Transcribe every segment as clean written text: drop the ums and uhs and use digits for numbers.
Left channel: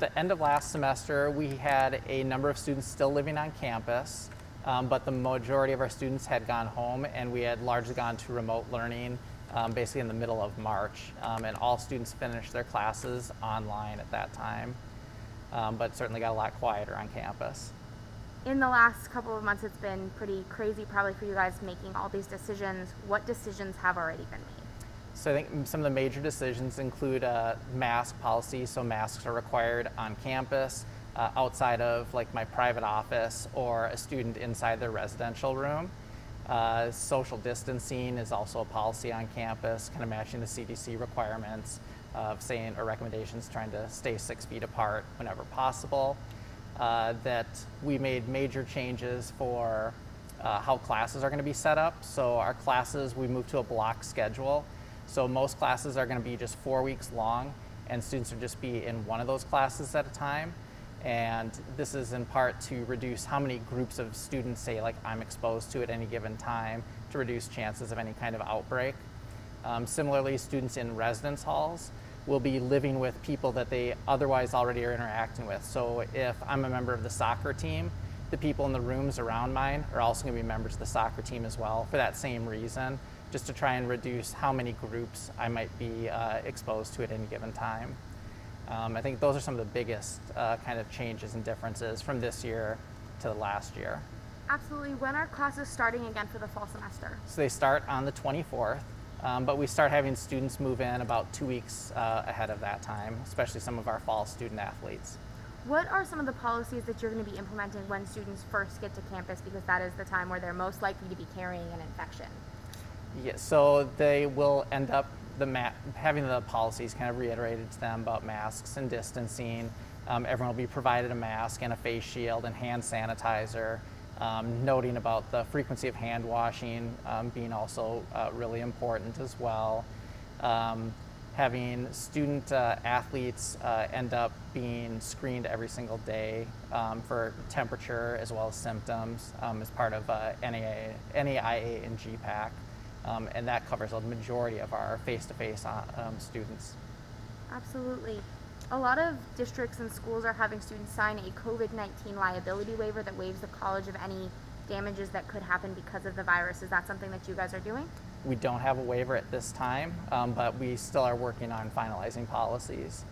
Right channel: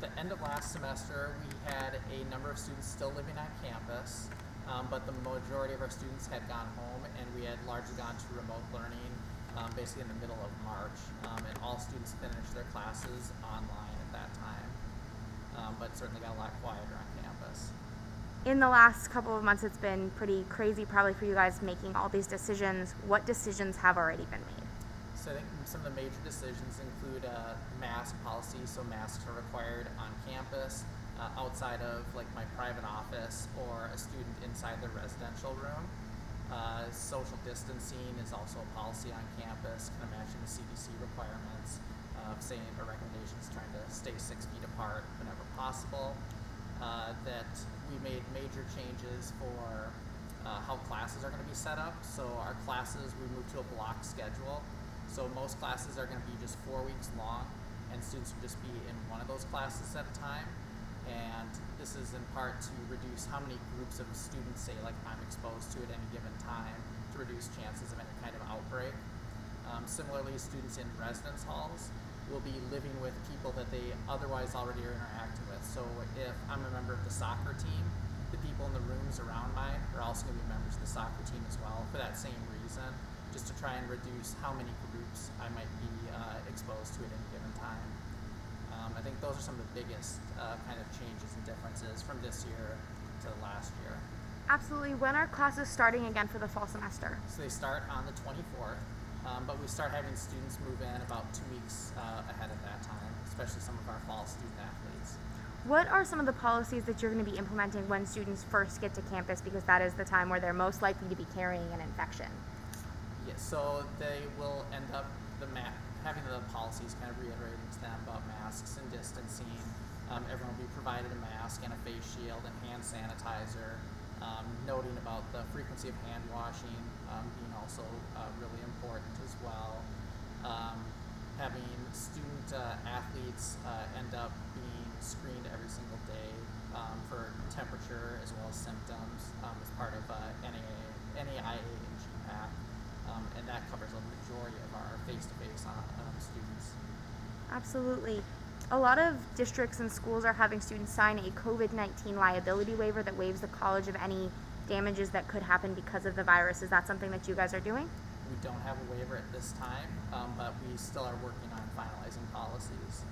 the end of last semester, we had a number of students still living on campus, but the majority of our students had gone home, and we had largely gone to remote learning basically in the middle of March. And all students finished their classes online at that time, but certainly got a lot quieter on campus. In the last couple of months, it's been pretty crazy probably for you guys making all these decisions. What decisions have already been made? So I think some of the major decisions include mask policy, so masks are required on campus, outside of like my private office or a student inside their residential room. Social distancing is also a policy on campus, kind of matching the CDC requirements of saying, or recommendations trying to stay 6 feet apart whenever possible. That we made major changes for how classes are going to be set up. So our classes, we moved to a block schedule. So most classes are going to be just 4 weeks long, and students will just be in one of those classes at a time. And this is in part to reduce how many groups of students, say, like I'm exposed to at any given time, to reduce chances of any kind of outbreak. Similarly, students in residence halls will be living with people that they otherwise already are interacting with. So if I'm a member of the soccer team, the people in the rooms around mine are also going to be members of the soccer team as well for that same reason, just to try and reduce how many groups I might be exposed to at any given time. I think those are some of the biggest kind of changes and differences from this year to last year. Absolutely. When are classes starting again for the fall semester? So they start on the 24th, but we start having students move in about 2 weeks ahead of that time, especially some of our fall student athletes. What are some of the policies that you're going to be implementing when students first get to campus, because that is the time where they're most likely to be carrying an infection? Yeah, so they will end up having the policies kind of reiterated to them about masks and distancing. Everyone will be provided a mask and a face shield and hand sanitizer, noting about the frequency of hand washing being also really important as well. Having student athletes end up being screened every single day for temperature as well as symptoms as part of NAIA and GPAC. And that covers a majority of our face-to-face students. Absolutely. A lot of districts and schools are having students sign a COVID-19 liability waiver that waives the college of any damages that could happen because of the virus. Is that something that you guys are doing? We don't have a waiver at this time, but we still are working on finalizing policies.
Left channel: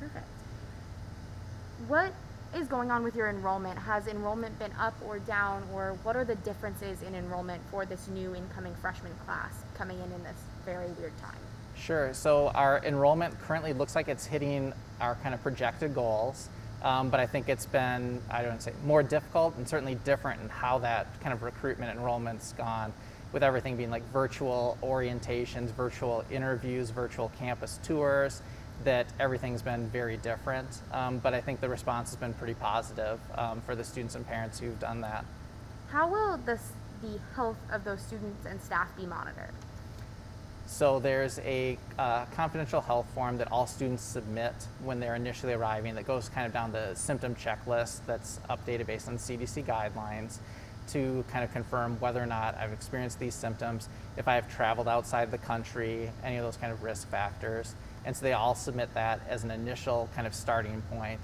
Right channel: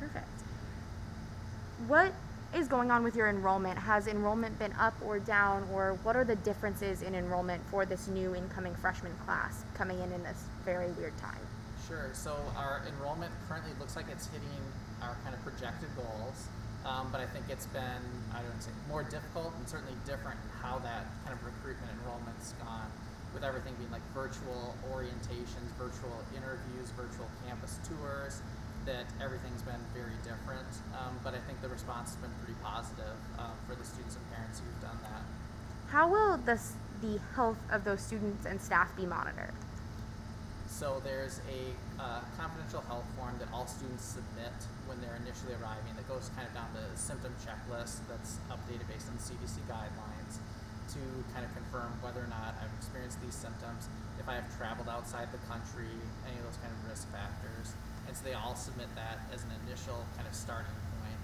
Perfect. What is going on with your enrollment? Has enrollment been up or down, or what are the differences in enrollment for this new incoming freshman class coming in this very weird time? Sure. So our enrollment currently looks like it's hitting our kind of projected goals, but I think it's been, I don't say more difficult and certainly different in how that kind of recruitment enrollment's gone, with everything being like virtual orientations, virtual interviews, virtual campus tours, that everything's been very different. But I think the response has been pretty positive for the students and parents who've done that. How will the health of those students and staff be monitored? So there's a confidential health form that all students submit when they're initially arriving that goes kind of down the symptom checklist that's updated based on CDC guidelines to kind of confirm whether or not I've experienced these symptoms, if I have traveled outside the country, any of those kind of risk factors. And so they all submit that as an initial kind of starting point.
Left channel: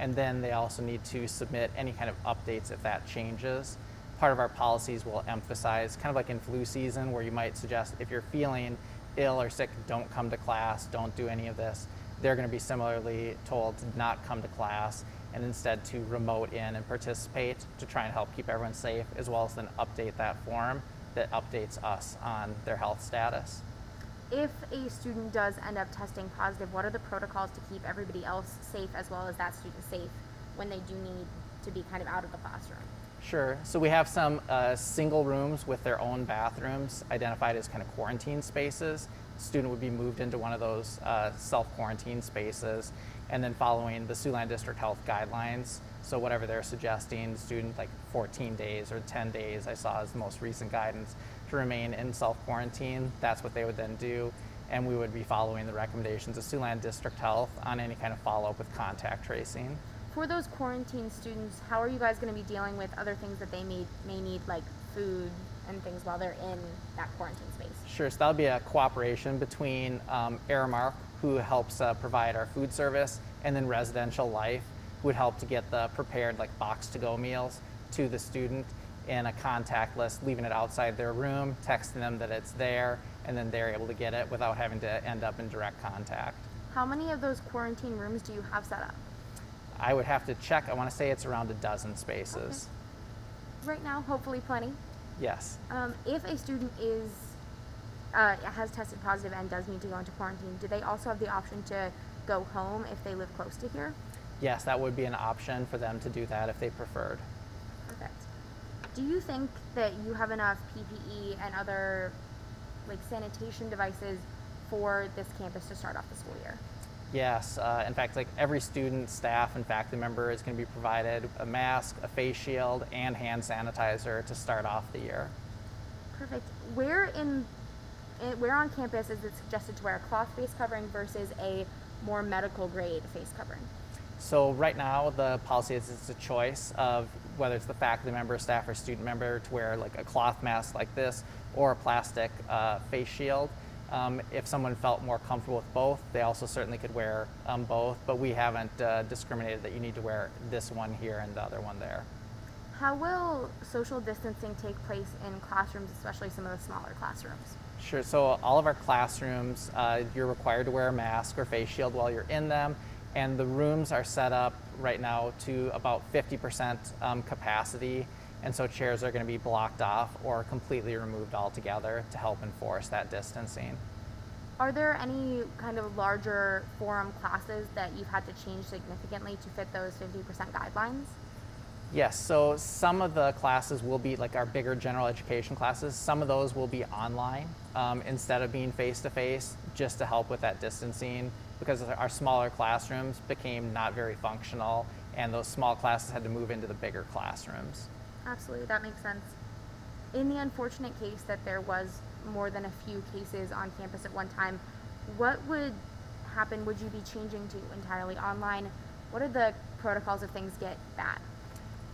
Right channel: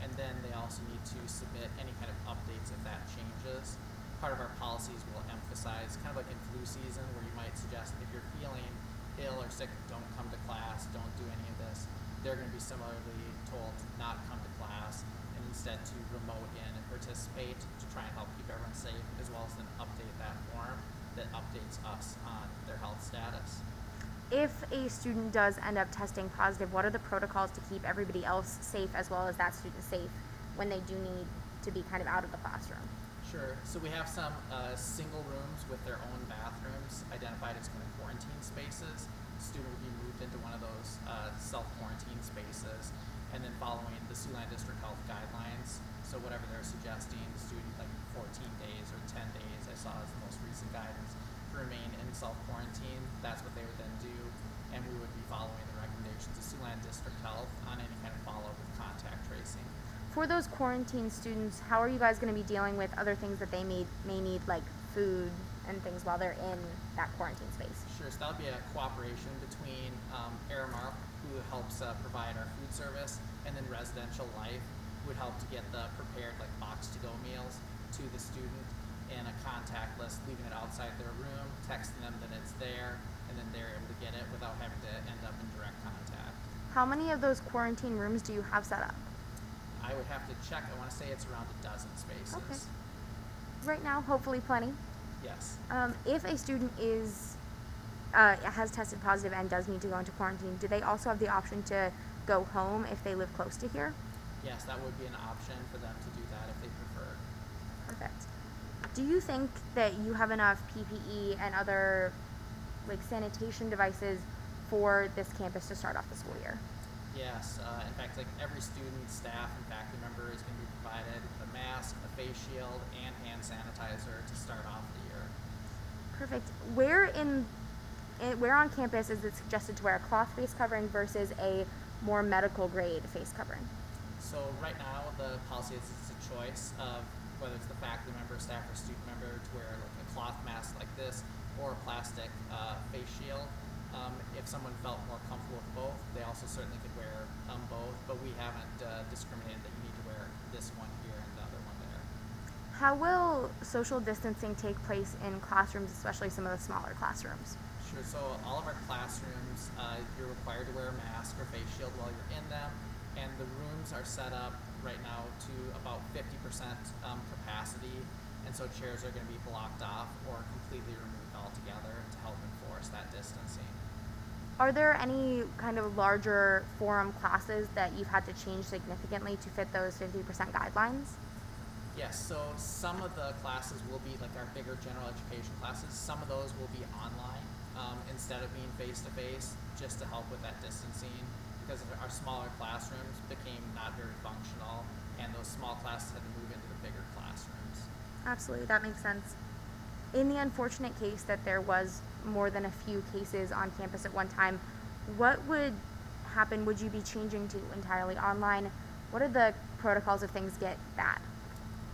And then they also need to submit any kind of updates if that changes. Part of our policies will emphasize, kind of like in flu season, where you might suggest if you're feeling ill or sick, don't come to class, don't do any of this. They're going to be similarly told to not come to class and instead to remote in and participate to try and help keep everyone safe, as well as then update that form that updates us on their health status. If a student does end up testing positive, what are the protocols to keep everybody else safe as well as that student safe when they do need to be kind of out of the classroom? Sure. So we have some single rooms with their own bathrooms identified as kind of quarantine spaces. The student would be moved into one of those self-quarantine spaces, and then following the Siouxland District Health guidelines. So whatever they're suggesting, student like 14 days or 10 days, I saw as the most recent guidance, to remain in self-quarantine. That's what they would then do. And we would be following the recommendations of Siouxland District Health on any kind of follow-up with contact tracing. For those quarantine students, how are you guys going to be dealing with other things that they may need, like food, and things while they're in that quarantine space? Sure, so that'll be a cooperation between Aramark, who helps provide our food service, and then Residential Life, who would help to get the prepared like box-to-go meals to the student in a contact list, leaving it outside their room, texting them that it's there, and then they're able to get it without having to end up in direct contact. How many of those quarantine rooms do you have set up? I would have to check. I want to say it's around a dozen spaces. Okay. Right now, hopefully plenty. Yes. If a student has tested positive and does need to go into quarantine, do they also have the option to go home if they live close to here? Yes, that would be an option for them to do that if they preferred. Perfect. Do you think that you have enough PPE and other like sanitation devices for this campus to start off the school year? Yes, in fact, like every student, staff, and faculty member is going to be provided a mask, a face shield, and hand sanitizer to start off the year. Perfect. Where on campus is it suggested to wear a cloth face covering versus a more medical grade face covering? So right now, the policy is it's a choice of whether it's the faculty member, staff, or student member to wear like a cloth mask like this or a plastic face shield. If someone felt more comfortable with both, they also certainly could wear both, but we haven't discriminated that you need to wear this one here and the other one there. How will social distancing take place in classrooms, especially some of the smaller classrooms? Sure, so all of our classrooms, you're required to wear a mask or face shield while you're in them, and the rooms are set up right now to about 50% capacity, and so chairs are going to be blocked off or completely removed altogether to help enforce that distancing. Are there any kind of larger forum classes that you've had to change significantly to fit those 50% guidelines? Yes, so some of the classes will be like our bigger general education classes. Some of those will be online instead of being face-to-face, just to help with that distancing, because our smaller classrooms became not very functional, and those small classes had to move into the bigger classrooms. Absolutely, that makes sense. In the unfortunate case that there was more than a few cases on campus at one time, what would happen? Would you be changing to entirely online? What are the protocols if things get bad?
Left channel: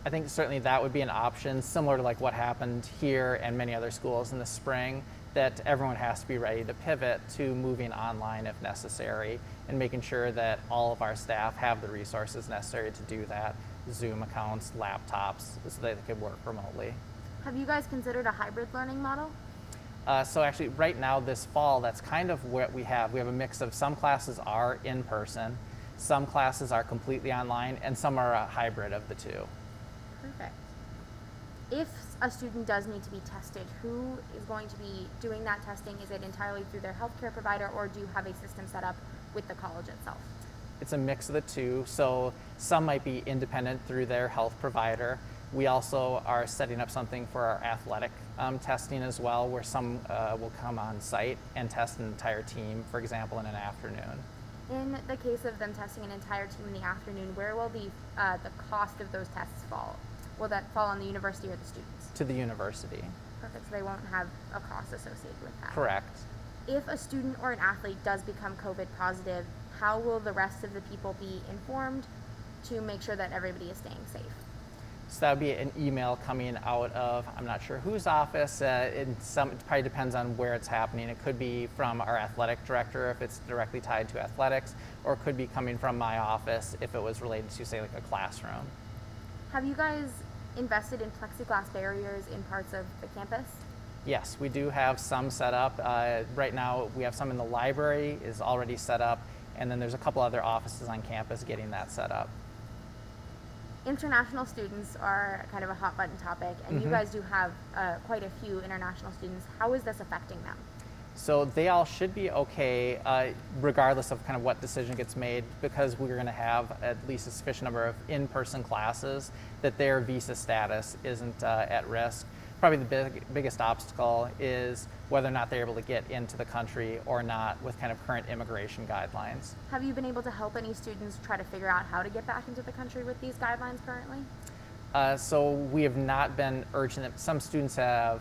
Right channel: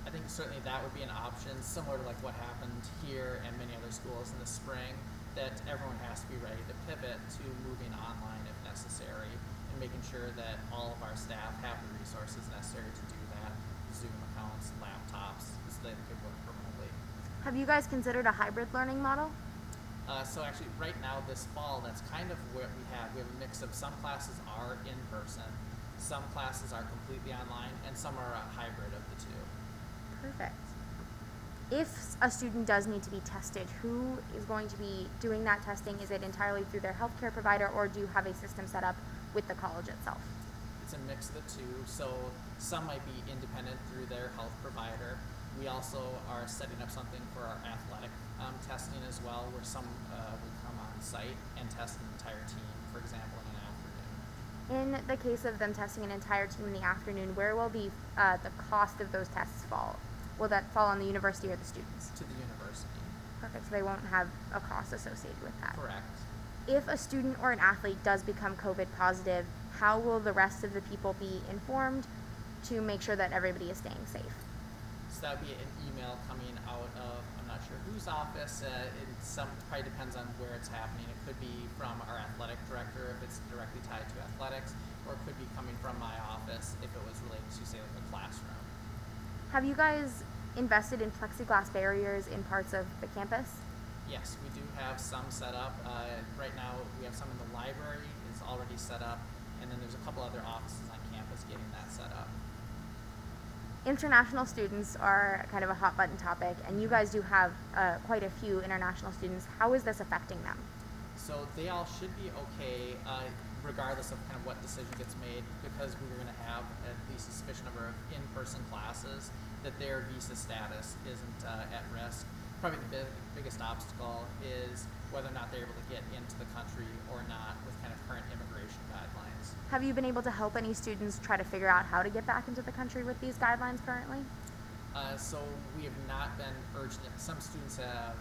I think certainly that would be an option, similar to like what happened here and many other schools in the spring, that everyone has to be ready to pivot to moving online if necessary, and making sure that all of our staff have the resources necessary to do that, Zoom accounts, laptops, so that they could work remotely. Have you guys considered a hybrid learning model? So actually right now this fall, that's kind of what we have. We have a mix of some classes are in person, some classes are completely online, and some are a hybrid of the two. Perfect. If a student does need to be tested, who is going to be doing that testing? Is it entirely through their healthcare provider, or do you have a system set up with the college itself? It's a mix of the two. So some might be independent through their health provider. We also are setting up something for our athletic testing as well, where some will come on site and test an entire team, for example, in an afternoon. In the case of them testing an entire team in the afternoon, where will the cost of those tests fall? Will that fall on the university or the students? To the university. Perfect, so they won't have a cost associated with that. Correct. If a student or an athlete does become COVID positive, how will the rest of the people be informed to make sure that everybody is staying safe? So that would be an email coming out of, I'm not sure whose office, it probably depends on where it's happening. It could be from our athletic director if it's directly tied to athletics, or it could be coming from my office if it was related to, say, like a classroom. Have you guys invested in plexiglass barriers in parts of the campus? Yes, we do have some set up. Right now we have some in the library is already set up, and then there's a couple other offices on campus getting that set up. International students are kind of a hot button topic, and you guys do have quite a few international students. How is this affecting them? So they all should be okay, regardless of kind of what decision gets made, because we're going to have at least a sufficient number of in-person classes that their visa status isn't at risk. Probably the biggest obstacle is whether or not they're able to get into the country or not with kind of current immigration guidelines. Have you been able to help any students try to figure out how to get back into the country with these guidelines currently? So we have not been urgent. Some students have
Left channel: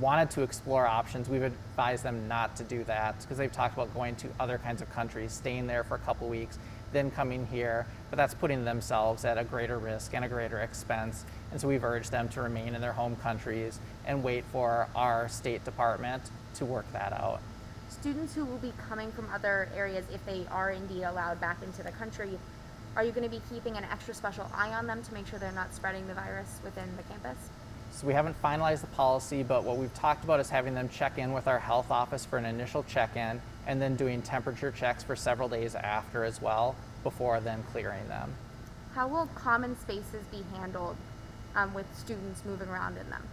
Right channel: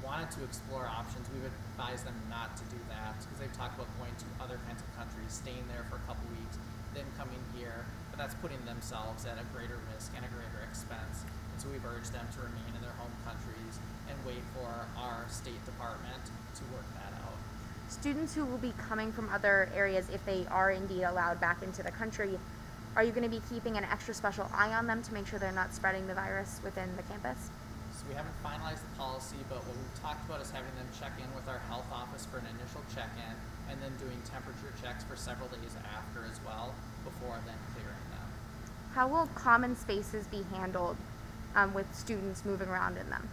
wanted to explore options. We've advised them not to do that because they've talked about going to other kinds of countries, staying there for a couple weeks, then coming here, but that's putting themselves at a greater risk and a greater expense. And so we've urged them to remain in their home countries and wait for our State Department to work that out. Students who will be coming from other areas, if they are indeed allowed back into the country, are you going to be keeping an extra special eye on them to make sure they're not spreading the virus within the campus? So we haven't finalized the policy, but what we've talked about is having them check in with our health office for an initial check-in, and then doing temperature checks for several days after as well, before then clearing them. How will common spaces be handled with students moving around in them?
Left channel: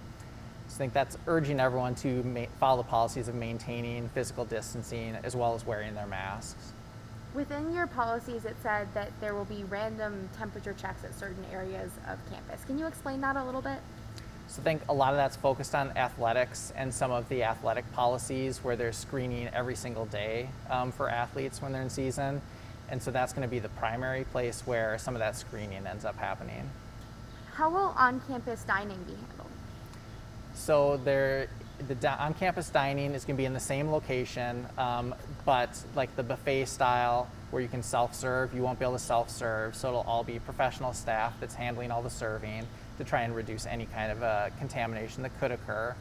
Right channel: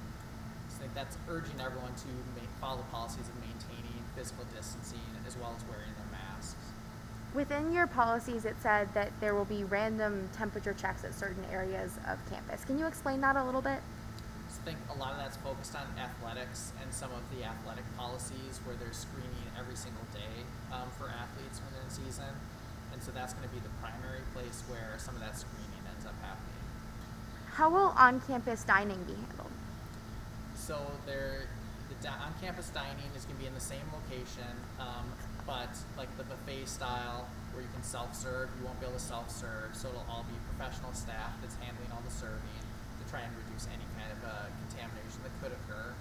So I think that's urging everyone to follow the policies of maintaining physical distancing as well as wearing their masks. Within your policies, it said that there will be random temperature checks at certain areas of campus. Can you explain that a little bit? So I think a lot of that's focused on athletics and some of the athletic policies where they're screening every single day for athletes when they're in season. And so that's going to be the primary place where some of that screening ends up happening. How will on-campus dining be handled? So on-campus dining is going to be in the same location, but like the buffet style where you can self-serve, you won't be able to self-serve. So it'll all be professional staff that's handling all the serving to try and reduce any kind of contamination that could occur.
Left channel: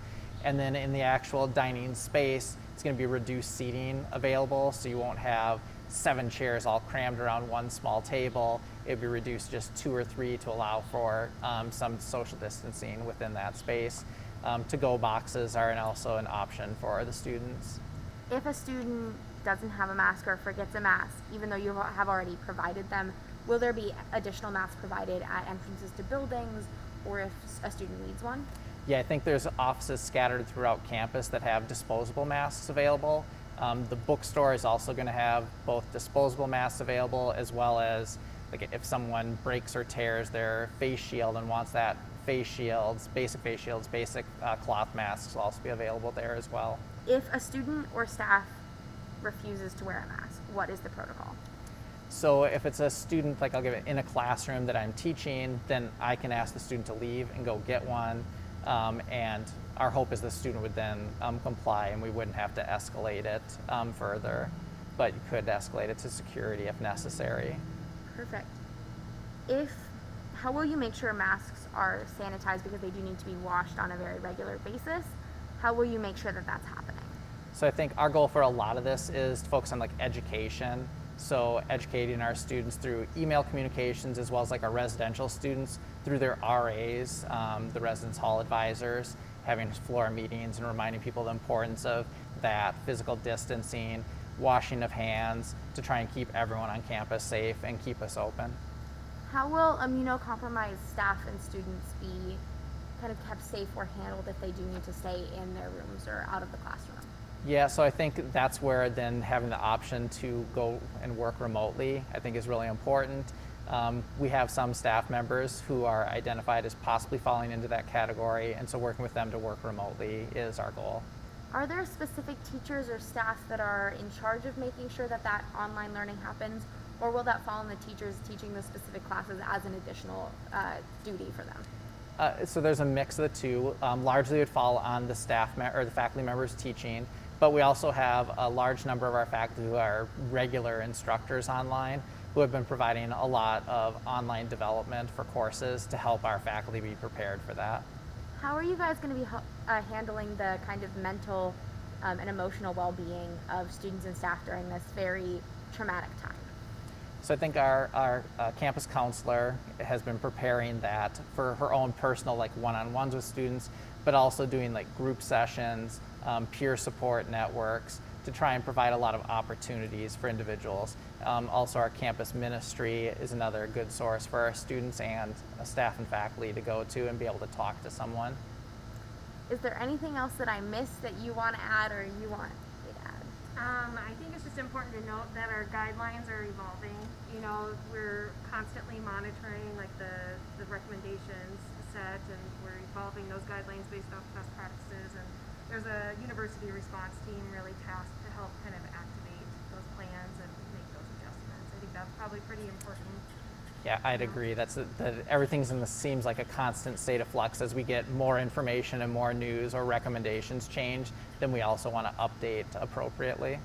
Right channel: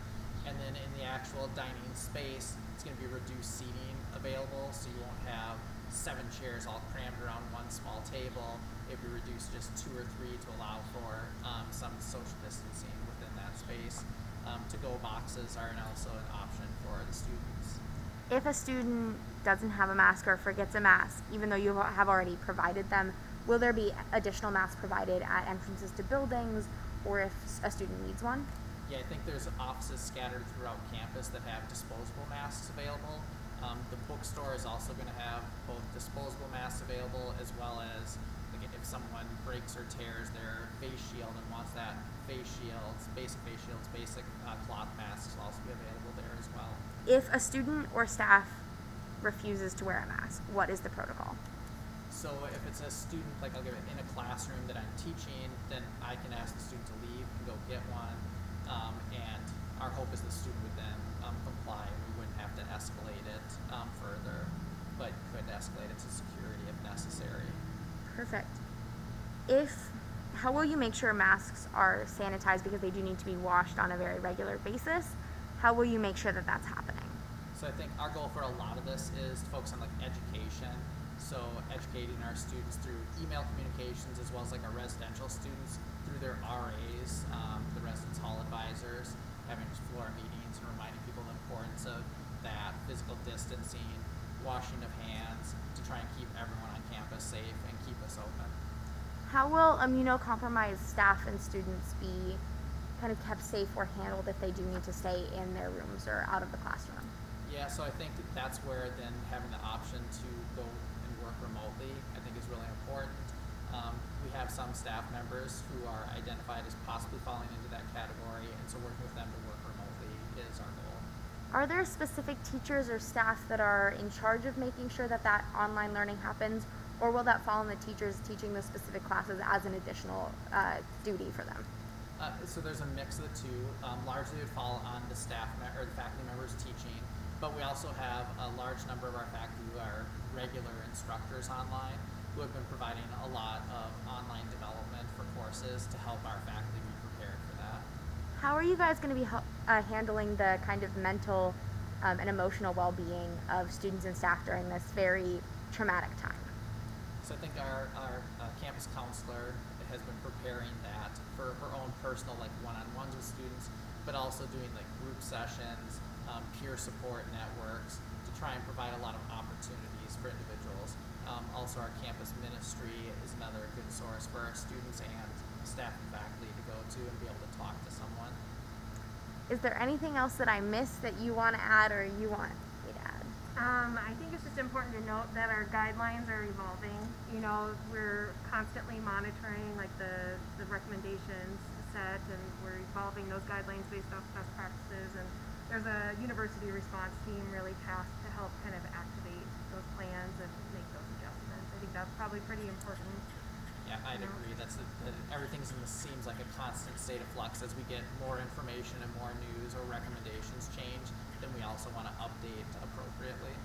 And then in the actual dining space, it's going to be reduced seating available, so you won't have 7 chairs all crammed around one small table. It'd be reduced just 2 or 3 to allow for some social distancing within that space. To-go boxes are also an option for the students. If a student doesn't have a mask or forgets a mask, even though you have already provided them, will there be additional masks provided at entrances to buildings, or if a student needs one? Yeah, I think there's offices scattered throughout campus that have disposable masks available. The bookstore is also going to have both disposable masks available, as well as like if someone breaks or tears their face shield and wants that basic face shields, basic cloth masks will also be available there as well. If a student or staff refuses to wear a mask, what is the protocol? So if it's a student, like I'll give it in a classroom that I'm teaching, then I can ask the student to leave and go get one. And our hope is the student would then comply, and we wouldn't have to escalate it further, but you could escalate it to security if necessary. Perfect. How will you make sure masks are sanitized, because they do need to be washed on a very regular basis? How will you make sure that that's happening? So I think our goal for a lot of this is to focus on like education. So educating our students through email communications, as well as like our residential students through their RAs, the residence hall advisors, having floor meetings and reminding people the importance of that, physical distancing, washing of hands, to try and keep everyone on campus safe and keep us open. How will immunocompromised staff and students be kind of kept safe or handled if they do need to stay in their rooms or out of the classroom? Yeah, so I think that's where then having the option to go and work remotely, I think is really important. We have some staff members who are identified as possibly falling into that category, and so working with them to work remotely is our goal. Are there specific teachers or staff that are in charge of making sure that that online learning happens, or will that fall on the teachers teaching the specific classes as an additional duty for them? So there's a mix of the two. Largely it would fall on the or the faculty members teaching, but we also have a large number of our faculty who are regular instructors online, who have been providing a lot of online development for courses to help our faculty be prepared for that. How are you guys going to be handling the kind of mental and emotional well-being of students and staff during this very traumatic time? So I think our campus counselor has been preparing that for her own personal like one-on-ones with students, but also doing like group sessions, peer support networks to try and provide a lot of opportunities for individuals. Also our campus ministry is another good source for our students and staff and faculty to go to and be able to talk to someone. Is there anything else that I missed that you want to add or you want me to add? I think it's just important to note that our guidelines are evolving. You know, we're constantly monitoring like the recommendations set, and we're evolving those guidelines based off best practices. And there's a university response team really tasked to help kind of activate those plans and make those adjustments. I think that's probably pretty important. Yeah, I'd agree. Everything's seems like a constant state of flux. As we get more information and more news or recommendations change, then we also want to update appropriately.